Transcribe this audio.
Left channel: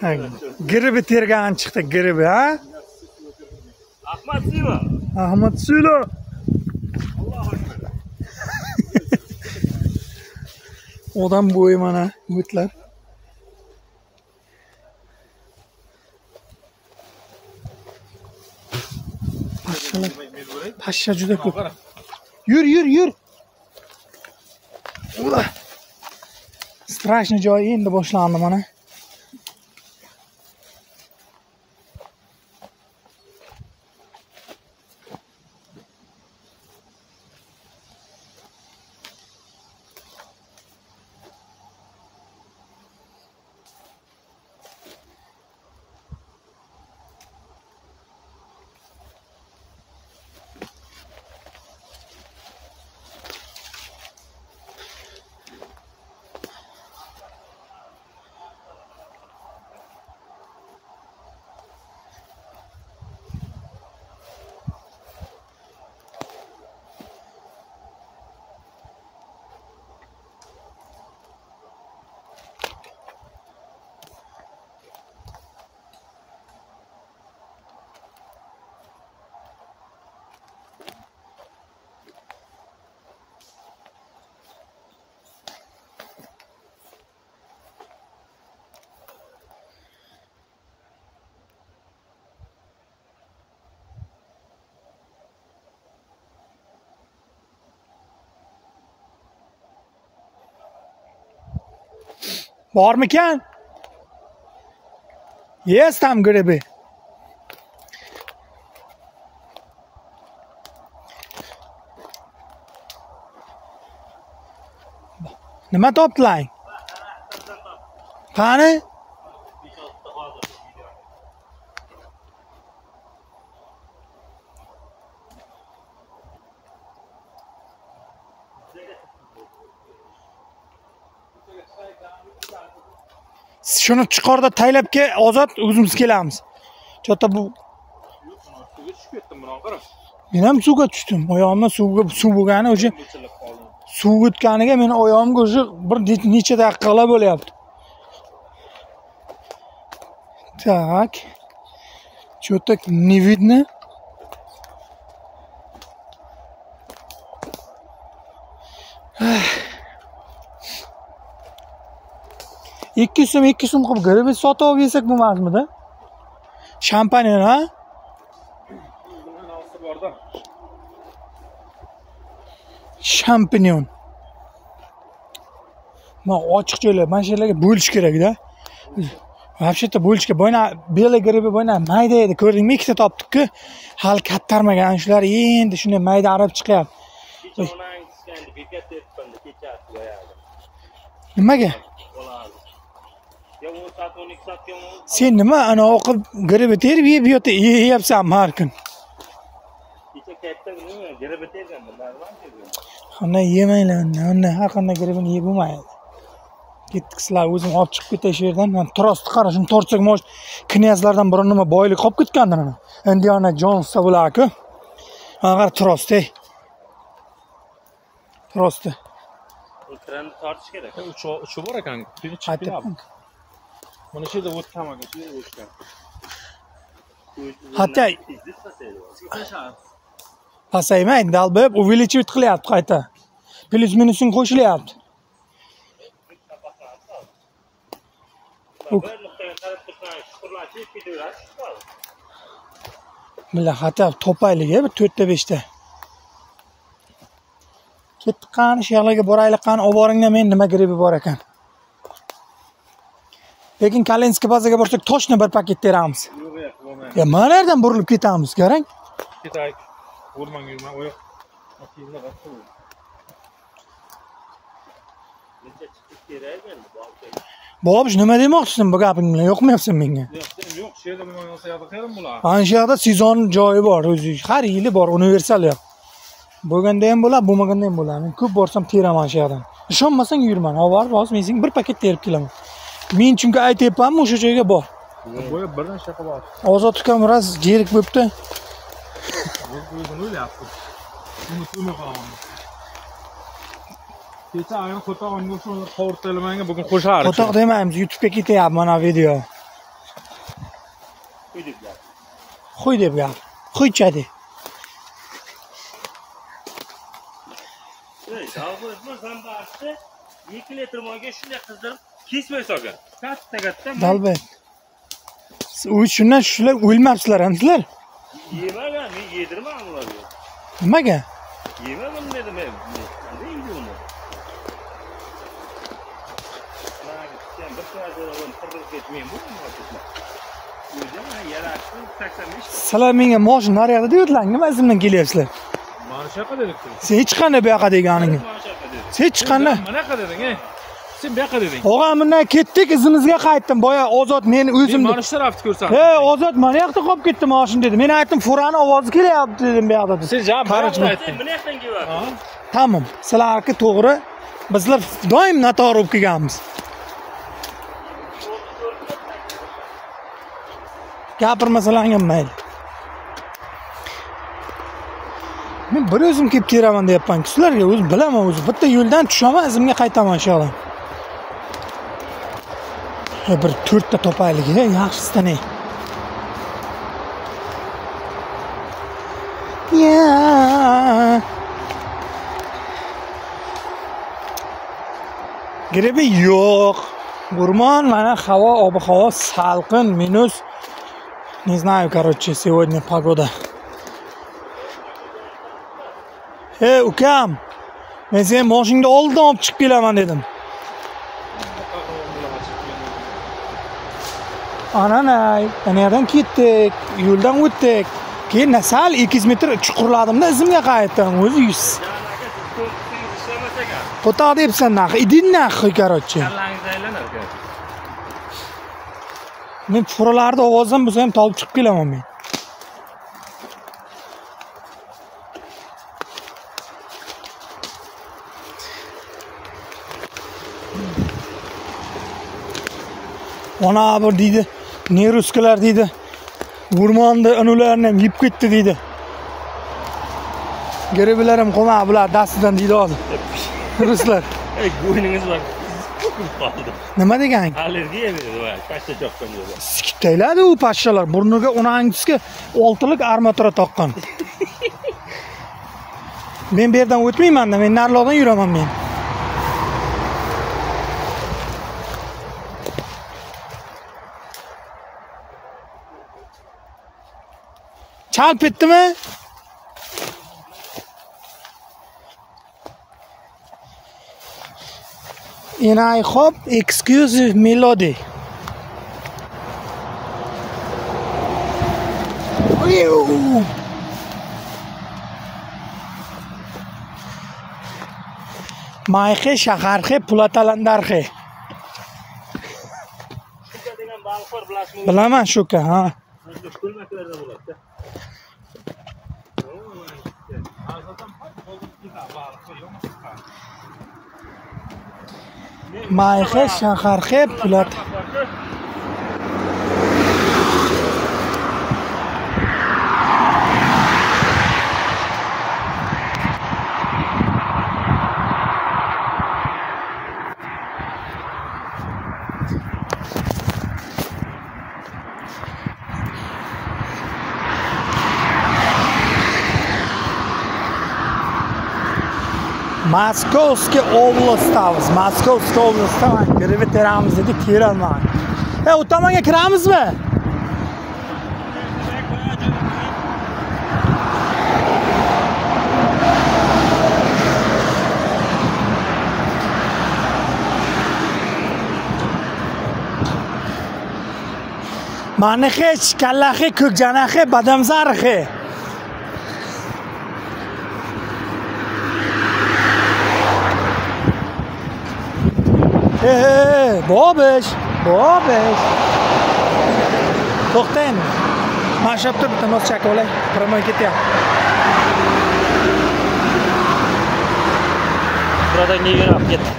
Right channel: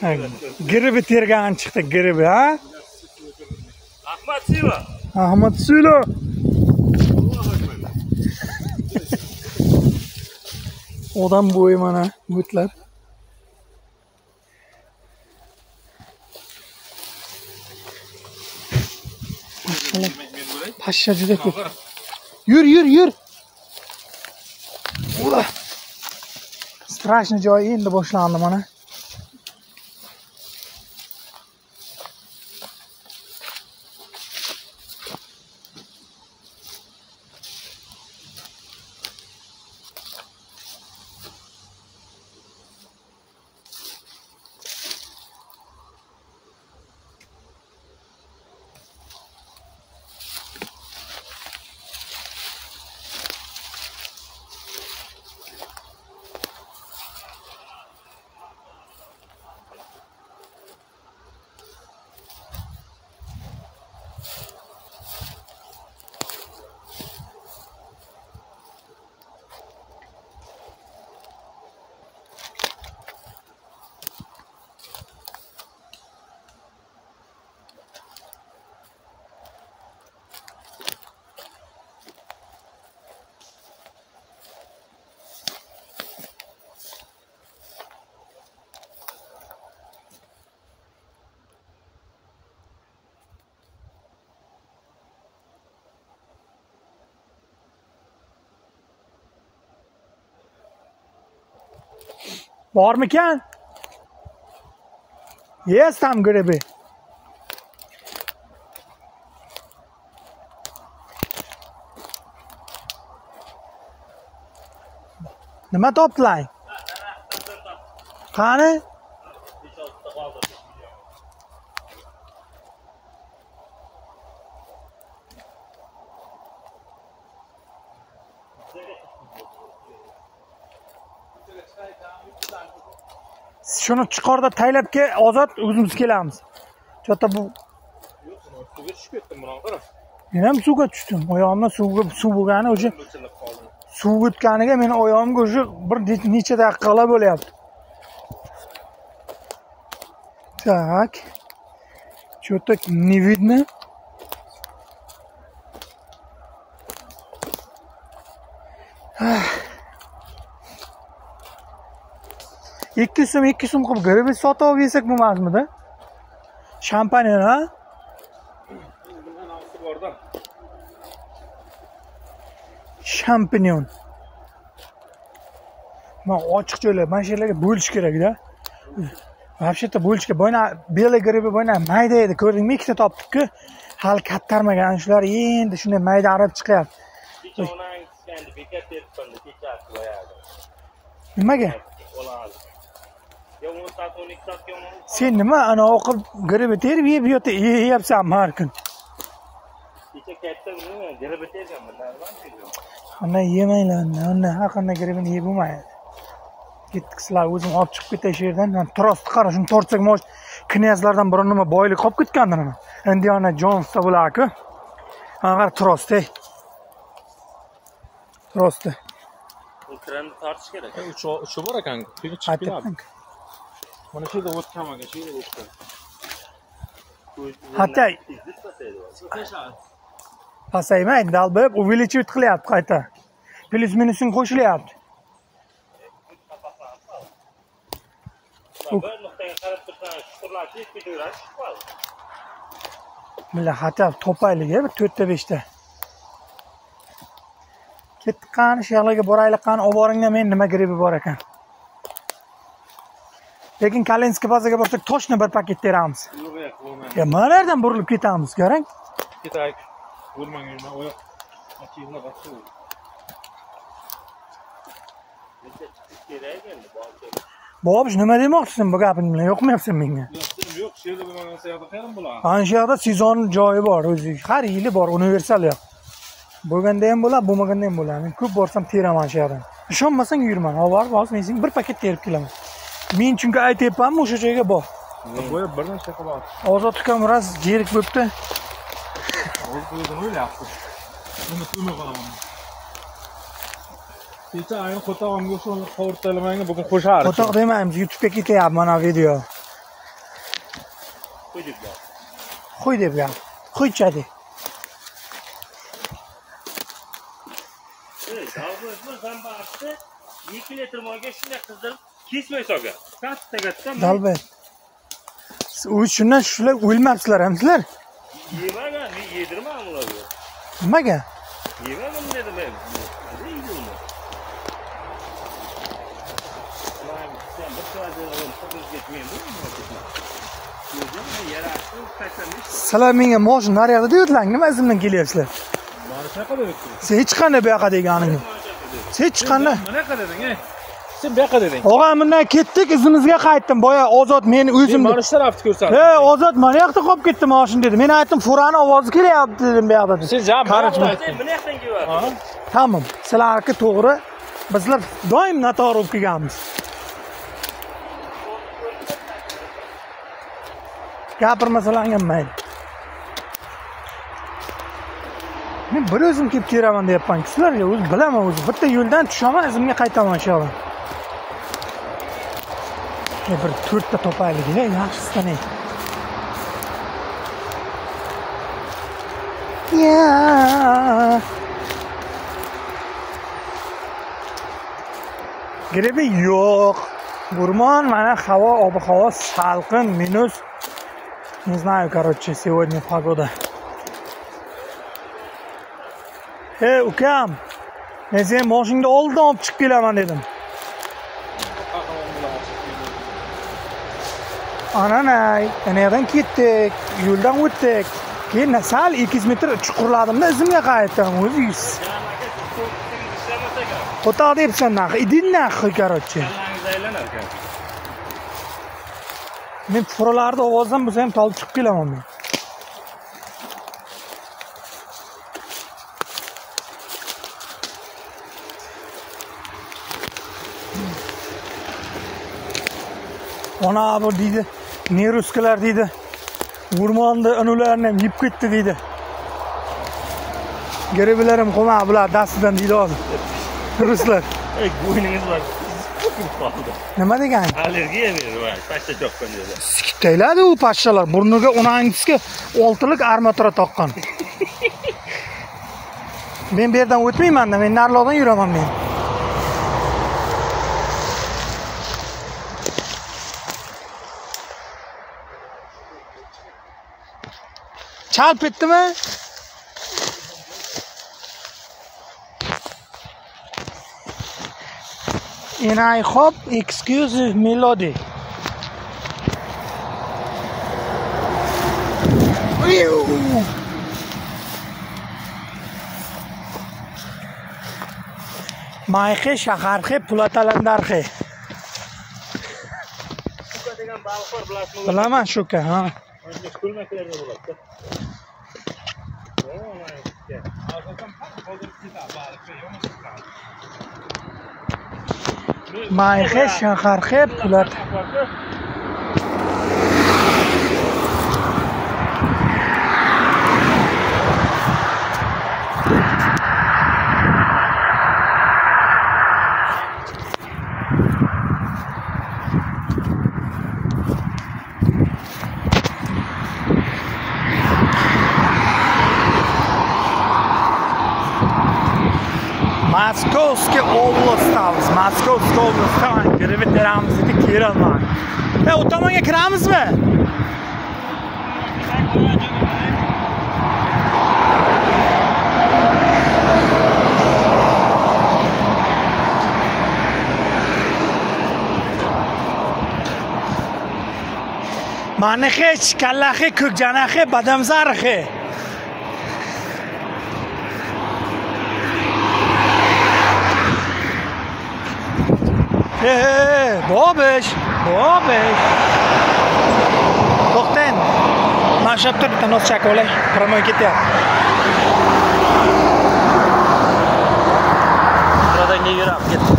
Gribi tergan chiqdi, gribi, ha? Ahmad Silo. Ahmad Silo. Odam bo'yi mana o'tlar. Pashsha juda ko'p. Yur. Ula. Strashni joyi endi boshlandi mana. Bormikan? Yes, tam gribi. Nima topdilar? Qani? Shuni chiqorda taylabga ozod o'zimiz kelamiz. Chota bu Suvga tushib ketdim biron qarab. men ham suvga tushdim. Oyog'imdan suv bo'lgani o'sha suv o'tganiga meni oyog'imga o'sha bir necha daqiqalar bo'lyapti. Так. Что-то не видно. İki so'm qilib gribi sotib olib yesak bo'lmasmidi? Shampanyan, ha? Shampanyan. Mana ochiq joylar, mana shu yerlarga bo'lish kerak-da. Вообще-то bo'lishga bo'yna belay gribi bo'yna mayda edi, ko'rdingmi? Ikkita topdik-ku. Hali kattarmagan, shular endi shunday mayda arab chiqyapti. Nimaga? Sen nima ana o'qib gribi terib yeyapsanmi har kun? Kecha katta nima gribi tergan bundan Qanday yemanglar, undan har qanday gribini yeb bo'lmaydi. Ketdik sizlar o'zim olib chiqib ketay shu yerdan. Men trostni qara, shuni tortsak mo'sh knyazlardan biri nima boylik qolib ketgandir mana. Indiana Jonesda bo'lar-ku. Mana qara trost, ey. Trosti. Ekranni tortish kerak. Uchi bor ekan. Quyga chiqib keladi. Mana shu yerda o'tganmagan, shu yerda o'tgan. Hatta pasaymaydi, dalbib увеличивать qilyapti qayta. Plus minusini qo'shilyapti. Bir nuqtaga qarab tursan, shukurlashib ketaveradi, chiqadi. Milla hatta topaylik, bir 4 ta 5 ta. Ketdik qani, shu yoqlarga boraylik qani, olib boringlar, men nima gribi bor ekan. Lekin Kalenskiy bozorga borsak toshni bir paket teramiz. Yo'q, bo'lmaydi. Ya mana yerdan burilib ketamiz, qarang. Ketaylik. Bo'lmang, yurma, oyoq. Ochinglar bosib. Bobish nima demoqchisan bu gaping bilan? Yo'qmayapsan menga. Yo'q, shu yerda bo'lmagan bo'lsa yoqda qayerdan bo'ladi? Ana shu yoqda sezon joyi bor, o'zi har yili bor, universal yo'q. Bo'lganda ham bo'ladi, bo'lmaganda ham bo'ladi. Men ko'p borsam teraman shu yoqdan. Ishonmasang yurman, olib borib, hozir men senga bir paket terib kelaman. Men chunki aytyapmanmi, o'sha joyga bor. Bo'yib birdan shokolad. Ozod ukam raz jerik bo'pti. O'zini o'ylayapti. Uni umid qilaman. Kecha ayni qo'tog'imga shu qovurtalarimga bugun qo'shardi. Qo'toq demaymiz, YouTube'ga ketyapti mana video. Qo'y deb gap. Qo'y deb gap. Qo'ychadi. Davlatimiz zambarsi 2 litr moyga shunday qizdirib kesmay solgan. Katta. Dalbat. Siz shundan shular o'lmabsizlar hamsizlar? Yemagan, men yedirmadim ularga. Nimaga? Yemadim dedim men. Qanday yeydi uni? Mana sen bir soatdan tirib ketmayman bu nima? Yo'qmi, yarashib taklamiş. Sizlar menga moshin naryoqda deyotlar, nima izimdan kelyapsizlar? Mana shunaqa dedik. Sen hech qanday bu yoqqa deganing. Sen hech qanday. Mana yoqqa deding, Sen bu yoqqa deding. Og'am bundan ketdik, izimizga qaytdim. Boya Ozod meni o'zim. Mana shu tarafni ko'rsatdim. Ozod mana yoqda qolib ketdi moshin dedi. Men aytdim, Furani ovozi kelyapti dedim bu yoqda. Sen javob berib aytding. Buni yoqdan kelyapti. Tamam. Sizlarga to'g'ri. Bizlar doim noto'g'ri bo'lib kelganmiz. Gapirmasalarga mayli. Men bir o'zim kelib kelaman deyapman. Sizlarga o'zim bilaman o'zim. Bitta yo'ldan tushaman, izimga qaytaman inshaalloh. Bir 4 ta topaylik, yaxshisidan. Ya. Grebi yo'q. Gurmon, mana havo, ob-havo salqin, minus. Не знаю, короче, сегодня погода. Ukam. Men sen mashinada oldin olib chiqib kelaman dedim. Ananay, qayerdan ketdik? Yo'ldan o'tdik. Keyin sal 200 metr chuqurladimda izimga qaytdim. O'zi yuz. Qo'ta debsan naq, idin naq, короче. Kallangiz aylanar ekan. Men furalarni ovozdan bo'lsa ham tolib chiqib kelaman men. Ona bir deydi, ne ruskalar deydi. O'rmonda ularni ham yeb ketdi deydi. Garibilarim qo'ma bular dastidan deydi hozir. Ruslar. Bo'yningiz bor. Qoldi. Nima degan? Allergiya dedi, voy, pashta choqqan dedi. Siktayladi u pashshalar. Burniga unangisiga 6lik armatura taqqan. Men bu yerdan o'tmayman-da, men narlardan yuraman men. Chalp etdimi? And I hope exclusive melody. Mayxe shaharxe pulatalandarxe. Shuka degan baliq bor, bilasizmi? Bilaman shuka, ha. Mana ko'lmaklarda bo'ladi. Mayxe shaharxe pulat. Moskovskiy oblastimiz. Moskovskiy oblastdan kirib teramiz dedi, kiralma. O tomonga kiramizmi? Manixe, kallaxe, ko'kjanaxe, badamzarxe. Bobish. To'xtang. Mashab turib bitta nos chakolay, promoy ketyapti. Buradan yurib ketdi.